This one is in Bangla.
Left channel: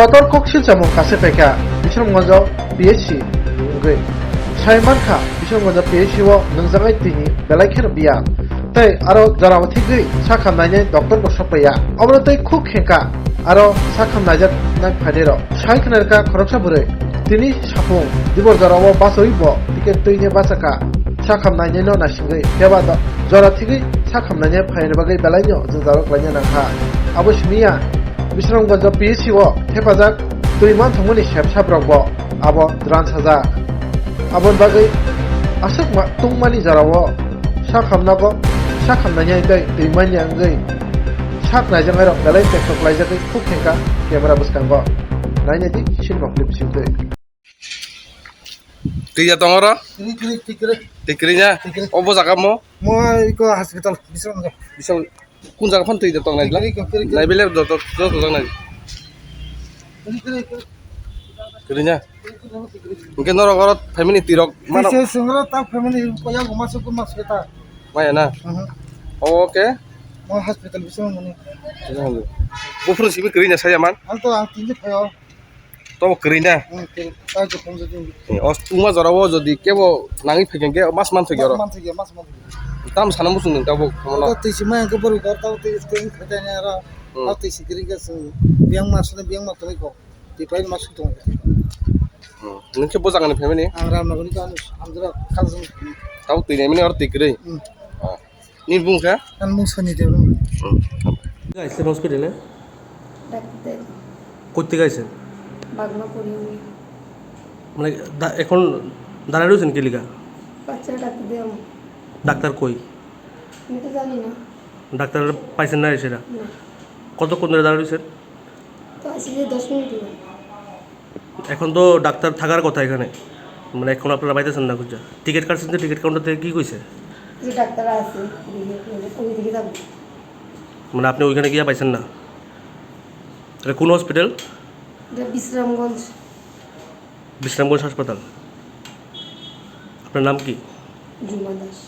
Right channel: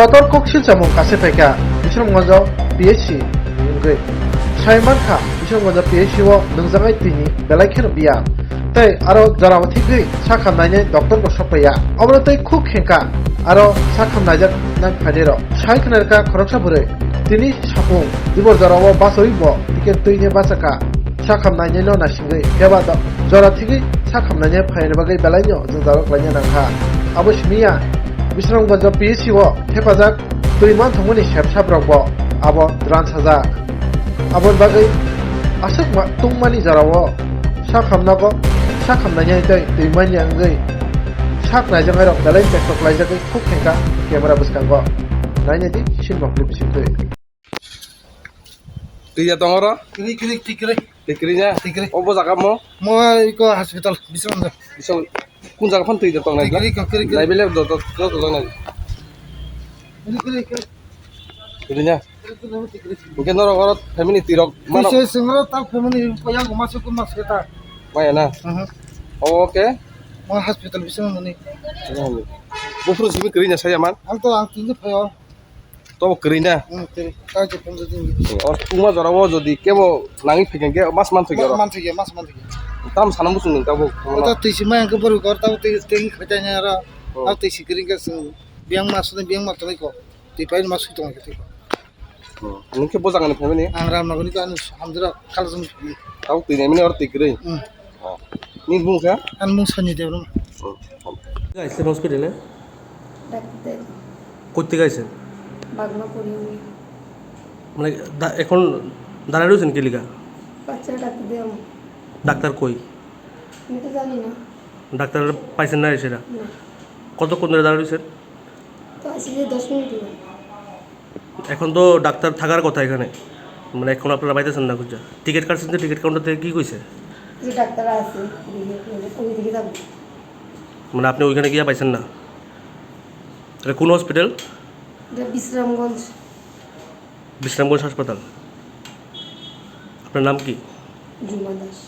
Kotor koksil chamung kase peka Bisramgonjo PHC ngui Saimanka Bisramgonjo PHC o nungjangai tini belai kheno biya tei aro jarama thigui sakhamnaine doctor ko sopaya obro tei khuk khenka aro sakhamnajak nai phaidero saikhnarka khoroksa bure tini sapung dibor jarao basoibo tiket tuine basaka sakhamnaine no nasingui keba do jara thigui sakhamnaine phaidero bagai belaino jaro klanya nangha abo shmiya Bisramgonjo PHC o hepajak tuiman thongmani sepsabrokbo abo dran sajak abon bagai asuk tungmani jarao sakhamnaine tei tuimani angui saknaijangai rok belai tektok laijakai khuk khenka camera buskango nainedi sinma clip sintui Tiga tongoro, Tikrai. tikrinya, obo jakamo, Moi iko hospital Bisramgonjo. bisa kun jakapon tiga tong nai, Kiri. nai beli do tong nai, kirinya, mungkin noro korot family tirok mana, Saya sengro tak family ko yang masuk kita. mana na, oke, Moi hospital Bisramgonjo. bufur sih kirinya saya man, Alto altinya payo. to kirinya, Kau cukup jadi. os tuma jarawo jadi kebo langit pengen ke mas man pengen, Mas mantik. tam sana musuh neng kabo, Kau tisi main ke baru kau tahu tisi katanya ara. Kau tisi kering ke biang masuk ko. Tipain masuk tu ngati. neng kebo jangan family, Angram naguni kan alhamdulillah kalau sem. tahu tiga ini orang tikri, ini bungka, Kan musani dia. আইসেন হসপিটালে ডাক্তার করতে গাইছেন বাগমা করি মানে এখন দাঁড়ায় রয়েছেন কিলিকা বাচ্চারা ডাক্তার দিয়ে ডাক্তার কই আমি তো জানি না ডাক্তার পাইছেন না সেটা না কতক্ষণ ধরে দাঁড়ায় রয়েছেন তো আসি যে 10 মিনিট হলো এখন তো ডাক্তার থাকার কথা এখানে মানে এখন আপনারা পাইতেছেন না খুঁজা টিকিট কাটছেন যে টিকিট কাউন্টার থেকে কী কইছে যে ডাক্তার আছে ওই দিকে যাবো মানে আপনি ওইখানে গিয়ে পাইছেন না এটা কোন হসপিটাল এটা বিশ্রামগঞ্জ হাসপাতাল আপনার নাম কি জুমা দাস